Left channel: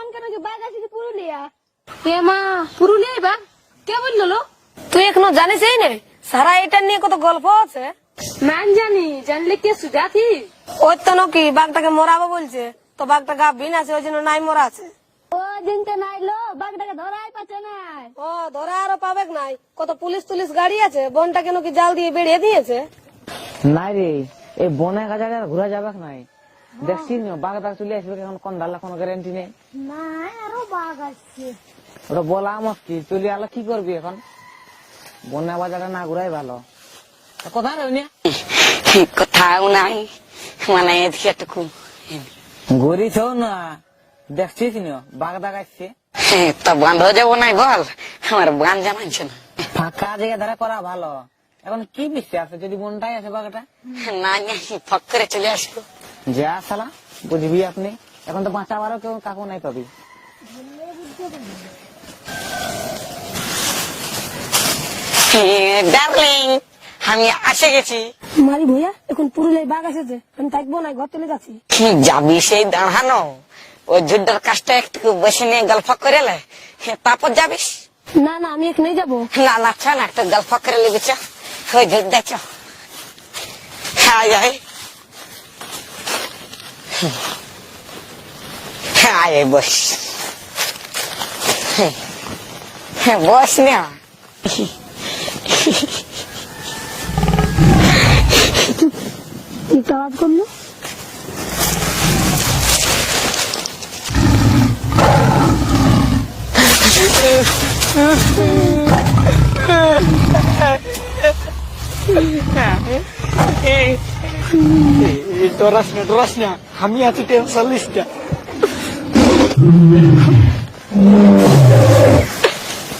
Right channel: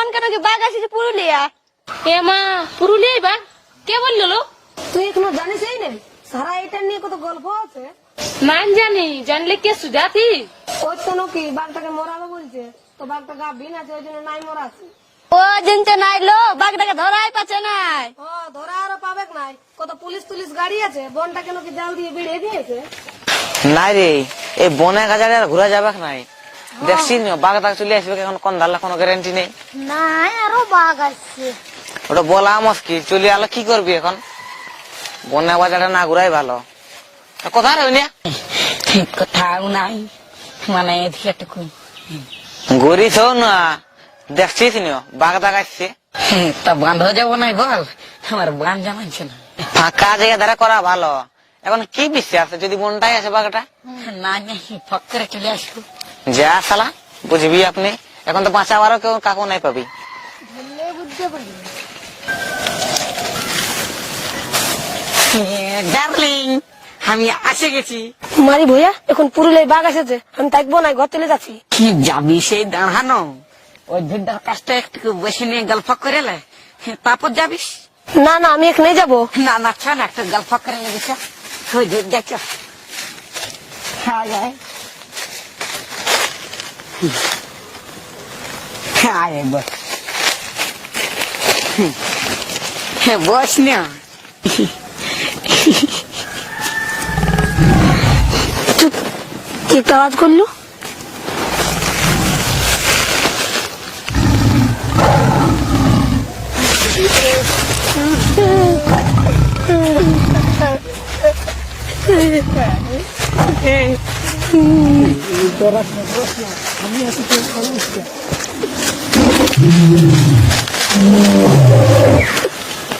বন কেন কি বাঘ আসিছে পুরুলিয়া? এ মা বাঘ? কে বলল লো? তুই এখনও জানিস এই নে? সারা এটা নিয়ে কত গল্প আছে? নাম জানি জানলে কে সুজাতি? ওই তো নাকি বাঘটাকে মরাবো বলছে। তো বাঘটা গা বিন আছে ওই জন্য নাই মরা আছে। ও জিনতে নাই লো বাঘটাকে ধরাই পাচ্ছে নাই। ও ধরে আরও পাবে নাই। কত পুলিশ তুলিশ গাড়ি আছে বনটা কেন কি জাল দিয়ে বেরিয়ে দিয়েছে। নাই রে এই বনে গাজারে আর ঘুরা যাবে নাই। দেখছি বাঘ দাগ চলে আসবে এখন কোন ধারলা কোনো গ্যারান্টি নেই? আরও বাঘ আসছে। ওটা বলা মুশকিল চলে আলো কি করবি এখন? বনে বাজারে না ঘুরাই ভালো। তা কোথায় রইনি কোথাও নাই মানে এদিকে গরিস না। দেখছিস নি বাঘ দাগ আসছে। তো বন্ধ হয়ে যাব নাই বল। আমার বান না ফাঁকা জায়গা ধারা করা ভালো। এখন কি বিশ্বাস আছে? যদি বনটাই আছে বাঘটা? না না ফক করে চলে আসব। যা সালা বুঝবি আপনি? এখন তো বাঁচাবারও কেউ কাকু নাই পাবি। ডার্লিং আমি আসে গেছি। মারি ভইয়া এখন পুরুলিয়ায় বাঘ এসেছে আমি থাকব না ঘর চলে যাচ্ছি। কি যাবি সেই দাঁড়ানো? ওই যুদ্ধের কাজটা একটু বসে নিয়ে গল্প করে লে। তারপর যাবিস? না না আমি এখানে যাব। না না চা না একটা গল্প করে লেগেছে ওই যুদ্ধ চ হ্যাঁ। হ্যাঁ এই বস। হ্যাঁ বস না। কি আওয়াজ করল?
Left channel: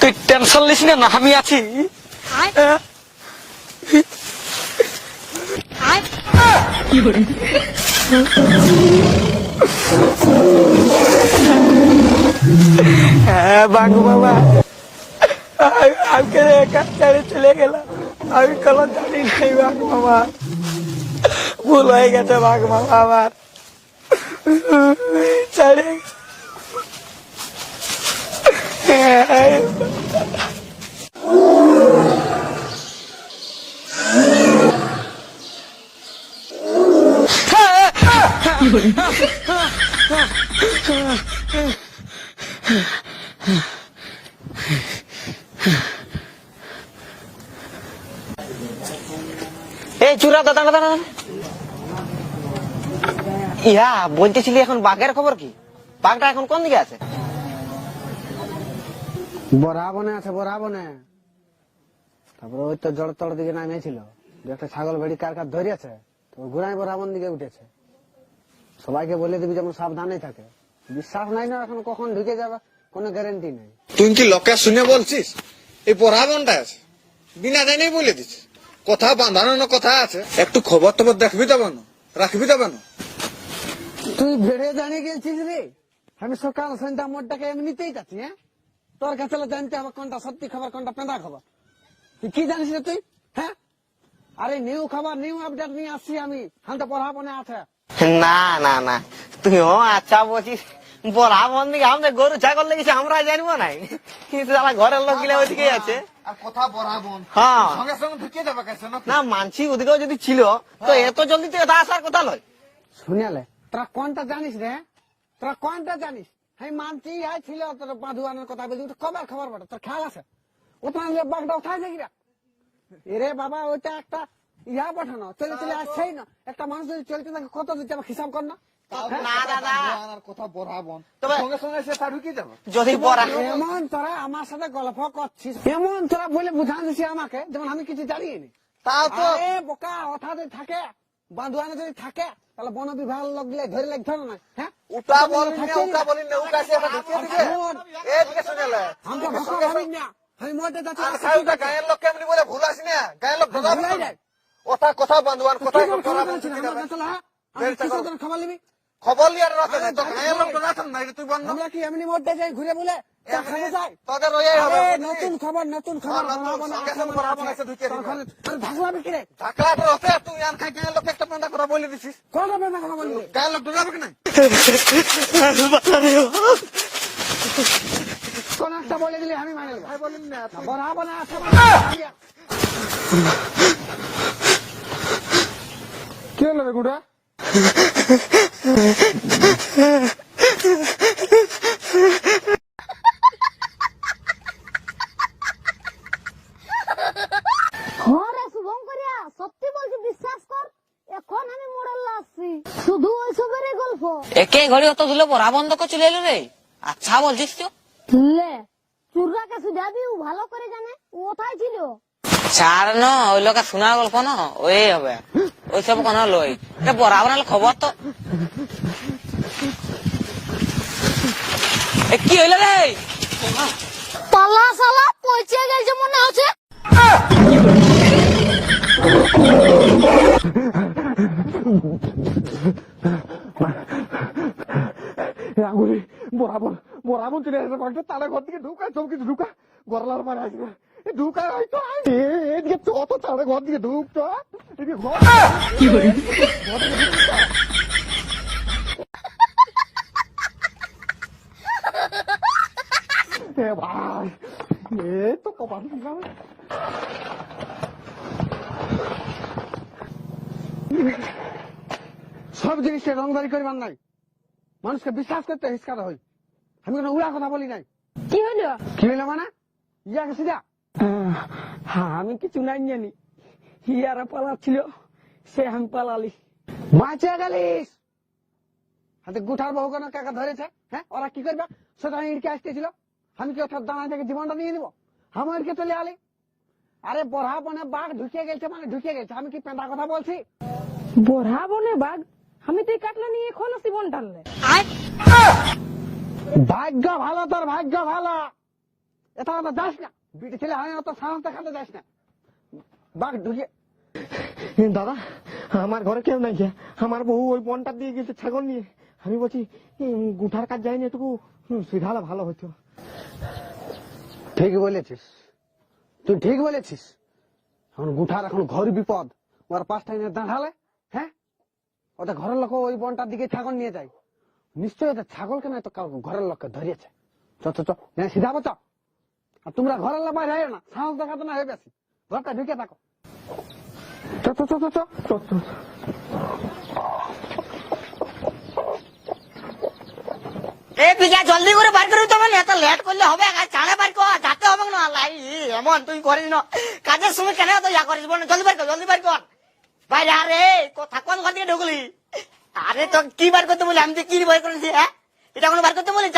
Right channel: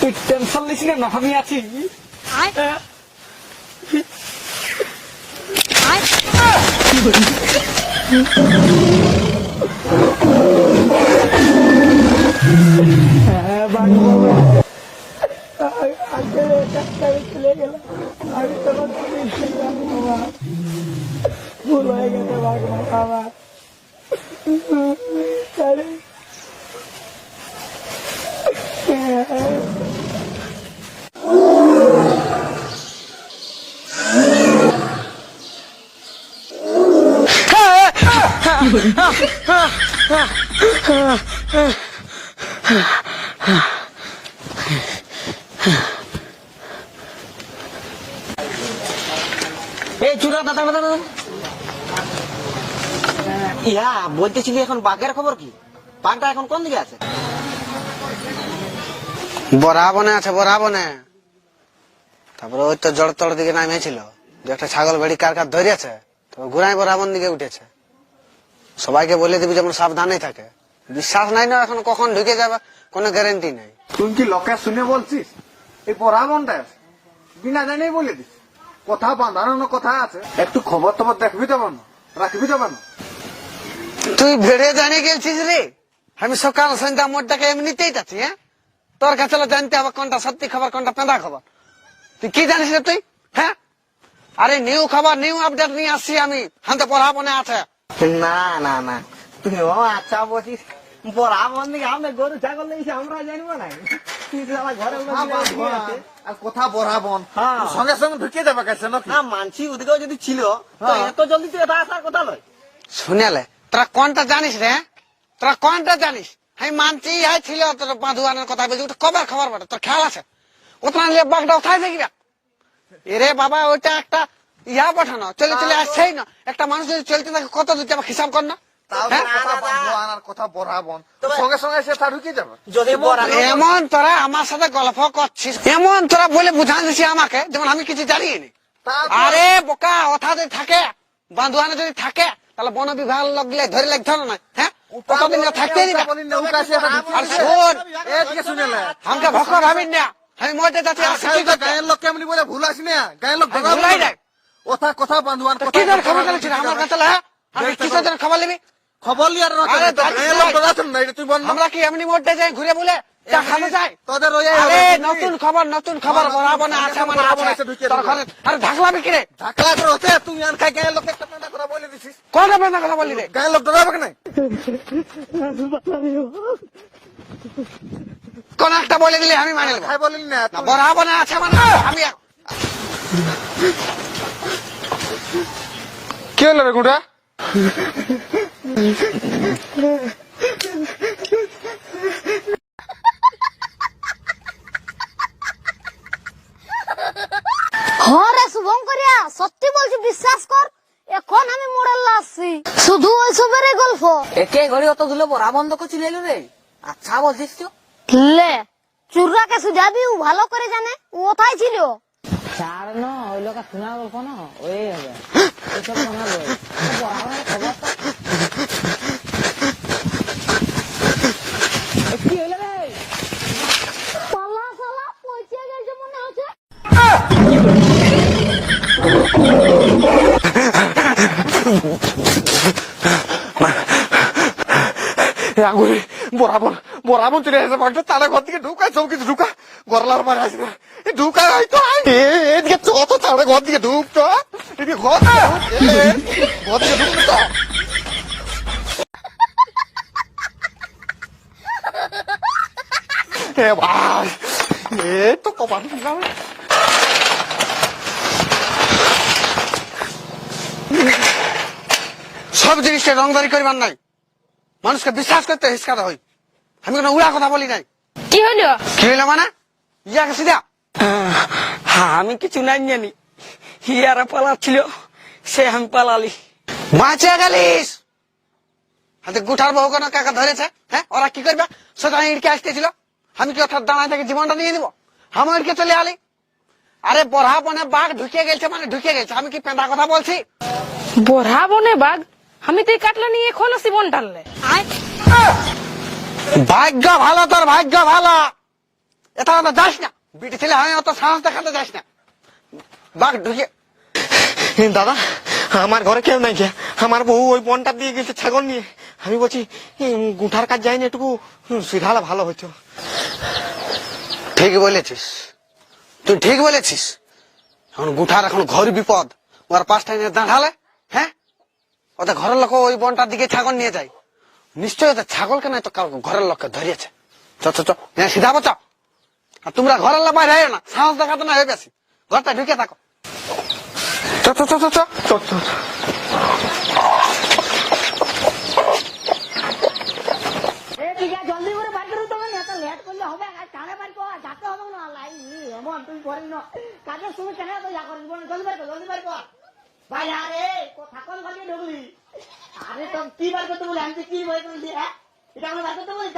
তুই টেনশন লিস না আমি আছি বাঘ মামা আজকে একা ছেড়ে চলে গেলাম আমি কোনো জানি নাই বাঘ মামা ভুল হয়ে গেছে মামা আমার ছেড়ে। এই চূড়া দাদা দাদা ইহা বলতেছিলি এখন বাঘের খবর কি? বাঘটা এখন কোন দিকে আছে? বরা বনে আছে বরা বনে তারপরে ওই তো জড় তড় দিকে নামিয়েছিল। যে একটা ছাগল বেড়ি কার কার ধরিয়েছে তারপর ঘুরাই বরা বন দিকে উঠেছে। সবাইকে বলে দিবি যেমন সাবধানেই থাকে। বিশ্বাস নাই না এখন কখন ঢুকে যাবে কোনো গ্যারেন্টি নাই। তুই কি লোকে শুনে বলছিস? এই পড়াবনটা আছে। বিনা জানিয়ে বলে দিস কথা বাঁধানো কথা আছে? একটু খবর টবর দেখবি দেব না রাখবি দেব না তুই ভেড়ে জানিয়ে গেছিস রে? আমি সকাল সন্ধ্যা মোটটাকে এমনিতেই যাচ্ছি হ্যাঁ? তোর কাছে জানতে হবে কোনটা সত্যি খবর কোনটা পেঁদা খবর। তুই কি জানিস রে তুই হ্যাঁ? আরে নিউ খবর নিউ আপডেট নিয়ে আসছি আমি। হাতে পড়াবনে আছে। না না না। তুই ও আচ্ছা বলছিস বড়া বন দিকে আমাদের গরু ছাগল লেগেছে আমরা জানব না। কিন্তু আমার ঘরের লোক গিলে ওইদিকে আছে। কথা বরাবন হ্যাঁ। সঙ্গে সঙ্গে ঢুকে যাবে কাছে না মানছি ওদিকেও যদি ছিল তো এত জলদি থেকে আসার কথা লয়। শুনেলে তোরা কোনটা জানিস রে? তোরা কোনটা জানিস? আমি মানছি হাই ছিল তোর বাঁধুয়ানের কথা বলছি। ওটা কবার খবর বটে? তোর খেয়াল আছে? ওটা নিয়ে বাঘটা উঠাই দেখবি? এরে বাবা ওইটা একটা ইয়া পাঠানো। চলে চলে আসছেই না। একটা মানুষ যদি চলতে থাকে কত দিতে হবে হিসাব কর না। তাও হ্যাঁ? কথা বাঁধুয়ান আর কথা বরাবন সঙ্গে সঙ্গে সে তা ঢুকে যাবে। যদি বড়া এমন তোরা আমার সাথে গল্প করছিস। এমন তোরা বলে বুঝান আমাকে যেমন আমি কিছু জানি নি আরে বোকা যদি থাকে বাঁধুয়ানে যদি থাকে তাহলে বন বিভাগ লাগলে ধরে লাগতে হবে না হ্যাঁ? কতদিন থাকতে দিবে। না, আর শোন আমাকে ভক্ত ভাবিন না। আমি কি? গায়ের লোক কেমনি বলে ভুলাস না? গায়ের লোক ভুলাই নাই। কথা কথা তো কি ধরে খবর জানাচ্ছি আমার কাছে হ্যাঁ? আমি খবর নিবি? খবর লিয়ার আরে লোক না না। আমরা কি এমনি মরতে যাই ঘুরে বলে? তোদের ওই আরে নতুন খবর নতুন খবর বরাবর আছে মানে আছে। ঘরে আরে ঢাকলা বিক্রি ঢাকা করে হচ্ছে তুই আর খাই গায়ের লোক একটা পেন্টা কথা বলে দিছিস। কোন বেদনা কথা বললি রে? গায়ের লোক ডরাবে কেন? কোন একটা বলে দিলে আমি মানে নেব। খাই বলিনি না না আছে মানে আমি কি হলো রে গুড়া? সত্যি বলছি বিশ্বাস কর এখন আমি মোড়াল্লা আসছি শুধু ওইসবেরই গল্প। একে ঘড়ি অত ধুলে বড়া বন্ধ করে চলে এলো রে? আচ্ছা বলছিস তো। লে চুররাকে সুজাবি ও ভালো করে জানে ও কোথায় ছিল? ছাড় ন ওই লোকের শোনার গল্প ন ওই হবে। ওইসব কোনো লই বড়া বানালে খবর তো। এ কি হইল রে? পাল্লা সালা পৌঁছে গেছে মনে হচ্ছে। আগুরি বরাবর বরাবর চলে আসে বাঘটা তারা ঘর থেকে ঢুকায় সব কিছু ঢুকা গরলার মারে আসবে ঢুকায় হয়তো এদিকে চত তারা ঘর দিকে ঢুকতো এদিকে ঘর ঘর দিকে ঢুকতো। এ ভাই, এ তো কপাল সব জিনিসটা রংদারি করিবার নাই। মানুষকে বিশ্বাস করতে হিসকাতে হই। আমি কোনো উড়া কথা বলি নাই। কি হলো? কি হইল মানে? ইয়াকে সিধা হ্যাঁ আমি কিছু নাই জানি। হিয়ারা পালাচ্ছিল সে আমি পালালি। বাঁচে গেলিস। হাতে গুঠার বহু কোনো কাকা ধরেছে? হ্যাঁ ওরা কি করবে? সেটা ইটকে আসতেছিল। আমি কি অর্থাৎ দাঁড়ায় থেকে জীবনটা নিয়ে দিব? আমি ইটকে চলে আলি। আরে বড়া বনে বাঘ ঢুকে গেছে মানে ঢুকে গেছে আমি কি পেঁদা কথা বলছি? বড়া বনে বাঘ আমি তো এই কাটলা নিয়ে এখন আসি বন টানলে ভাগ্য ভালো তোর ভাগ্য ভালো। এটা কথা যাস না। বিটি ছেলে আমি অত সাহস দেখাতে যাস না। বাঘ ঢুকে। দাদা আমার ঘরে কেউ নাই গিয়া। আমার বউ ওই বনটা দিয়ে গেছে ছাগল নিয়ে। আমি বলছি গুঠার কাজ যায়নি একটু সিধালে ভালো হইতো। ঠিক বলেছিস। তুই ঠিক বলেছিস। এখন গুঠার এখন ঘর বিপদ। ওর পাঁচটা এনে দাঁড়ালে হ্যাঁ? ওদের ঘরের লোক ওই বনটার দিকে ছাগল নিয়ে যায়। নিশ্চয়ই ওদের ছাগলকে নাই তো কারও ঘরের লোককে ধরিয়েছে। চ চ চ হ্যাঁ, সিধা বচাও আর তোমরা ঘরের লোক বাইরে না সাহস দেখাতে না হয়ে বেশি। ঘরটা ঢুকে থাকো। চ চ চ চ চ চ, চ। এ জলদি করে বার করে তবে এত লেট করলে হবে চাঁড়ে বার কর যাতে হবে না লাই এমন তুই করিস না। কাজের সময় কেন তো ইয়া করিস বল জলদি বার কর জলদি বার কর। বাইরে আরে কথা কোন ঘর দিয়ে ঢুকলি? আরে তো কি বার করতে বলি আমি তো কি বার করেছি হ্যাঁ? এটা কোনো বার করতে বলি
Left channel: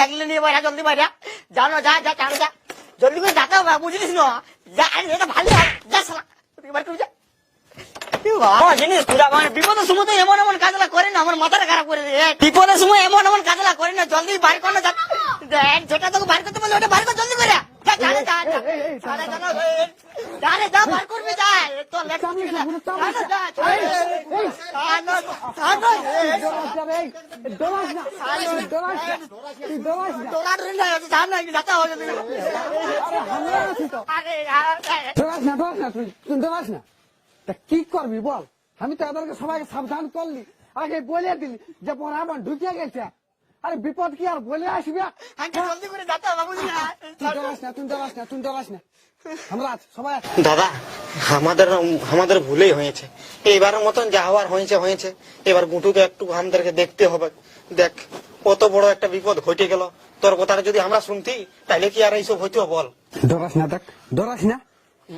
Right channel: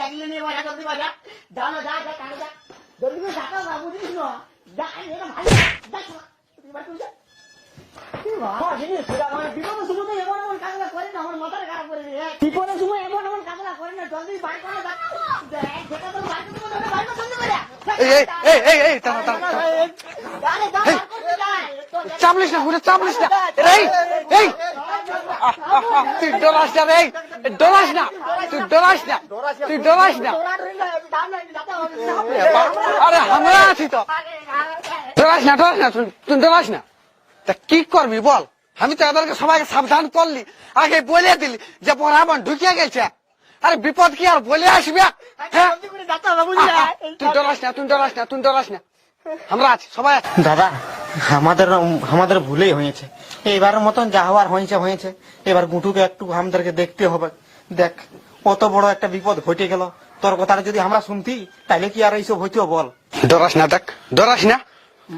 লাগলে নিয়ে বাইরে জলদি বাইরে। যাও না যা যা চাঁড়ে যা। জলদি করে যাতে হবে বুঝলিস না। যা আরে এটা ভালো যা সালা তুই বার করে যা। বিপদের সময় তো এমন এমন কাজলা করে না আমার মাথাটা খারাপ করে দিয়ে। বিপদের সময় এমন এমন কাজলা করে না জলদি বার কর না যেটা তোকে বার করতে বলে ওটা বার কর জলদি করে। এই, চাপলিস না ঘুরে চাপলিস না। এই এই তুই না এই, তুই তুই। আরে আমরা আছি তো। না না তুই না। তা কি করবি বল? আমি তো এদেরকে সবাইকে সাবধান করলি। আগে বলে দিলি যে বরাবর ঢুকিয়ে গেছে। আরে বিপদ কি আর বলে আসবে? হ্যাঁ? তুই ডরাস না তুই ডরাস না তুই ডরাস না। আমরা আছি সবাই আছি। দাদা আমাদের আমাদের ভুলেই হয়েছে। এইবারের মতন যা হওয়ার হয়েছে হয়েছে। এবার গুটুকে একটু আমাদেরকে দেখতে হবে। দেখ কত বড় একটা বিপদ ঘটে গেল। তোর কথাটা যদি আমরা শুনতি তাহলে কি আর এইসব হইতো বল? ডরাস না দেখ ডরাস না।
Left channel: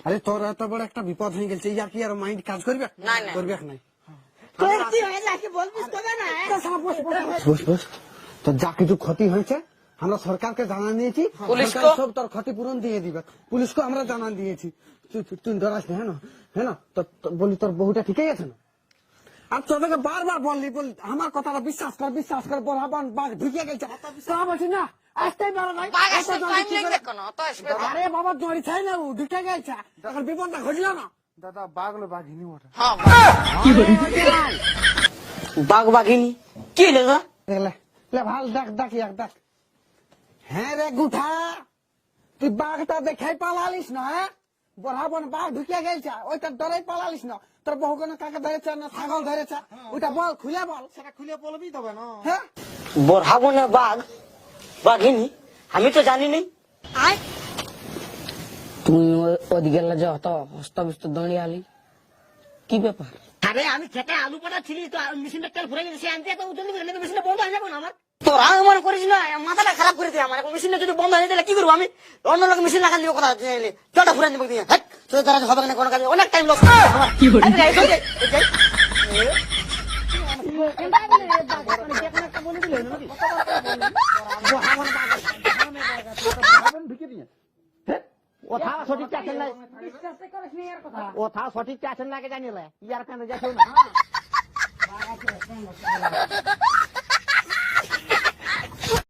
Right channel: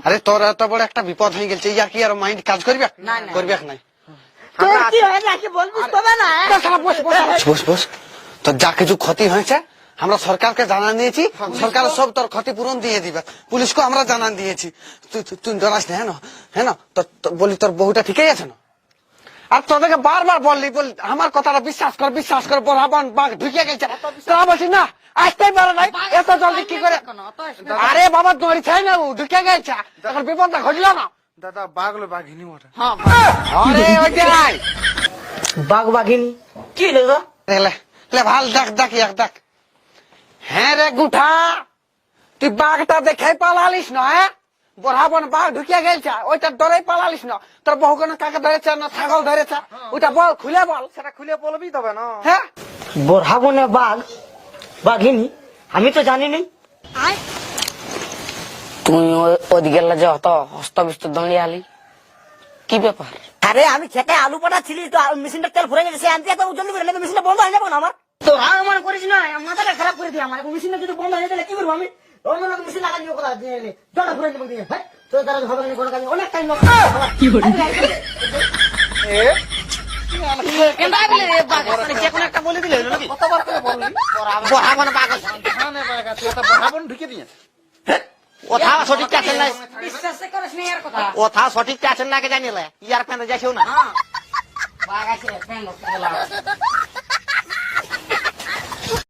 আরে তোর এত বড় একটা বিপদ হয়ে গেছে ইয়ার কি আর মাইন্ড কাজ করবে? করবে নাই? তোর কি হয় নাকি বলবি তবে না বস। বস বস। তোর যা কিছু ক্ষতি হয়েছে আমরা সরকারকে জানান দিয়েছি সরকার সব তোর ক্ষতিপূরণ দিয়ে দিবে। পুলিশকে আমরা জানান দিয়েছি। তুই ডরাস না হ্যাঁ হ্যাঁ তোর তোর- বলি তোর বহুটা ঠিকই আছে না? আর তোদেরকে বারবার বললি বল আমার কথাটা বিশ্বাস কর বিশ্বাস কর বরাবর বাঘ ঢুকে গেছে। তোরা বলছি না আসতেই পারে নাই। এত জলদি কি করে? আরে বাবা দড়ি ছাই না ও ঢুকে গেছে। এখন বিপদটা ঘটলো না। দাদা বাঘলো বাঘিনী আরে, ওইটাই। বাঘ। বাঘিনী। কি দাদা লে ভালো দেখ দেখ এক দেখ। হ্যাঁ রে গুঠা তুই বাঘটা দেখে পালালিস না হ্যাঁ? বড়াবন বাঘ ঢুকিয়ে গেছে ওইটা ডরে পালালিস না। তোর বহু কোনো কাকে ধরেছে না ছাগল ধরেছে? ওইটা বল খুলে বল। সেটা খুলে বলবি তবে না? হ্যাঁ? বরহাবনে বাঘ বাঘিনী আমি তো জানি নি তুই ওদিকে যে অত হস্তবিস্ত দাঁড়িয়ে আলি কি ব্যাপার? আরে আমি খেতে আলু পাঠাচ্ছিলি তো মেশিনটা তেল ভরে গেছে সে আনতে এত জলদি করে নাকি মেশিনটা বন্ধ হয়ে যাব না আমার? তোরা আমার করিস না মাথাটা খারাপ করে দিয়ে আমার মেশিনটা যদি বন্ধ হয়ে গেলে কি করব আমি? অন্য লোক মেশিন লাগালি কথা জলটা ভরে দেবো দিয়ে হ্যাঁ তো হবে না কোনো কাজ অনেক। টাইম লস কি করে ঢুকে দিয়ে কথা সঠিক আছেন না বিশ্বাস করিস না এর কথা। কথা সঠিক আছেন না কে জানিলে? ইয়ার পেনে যাইছেও না। আছে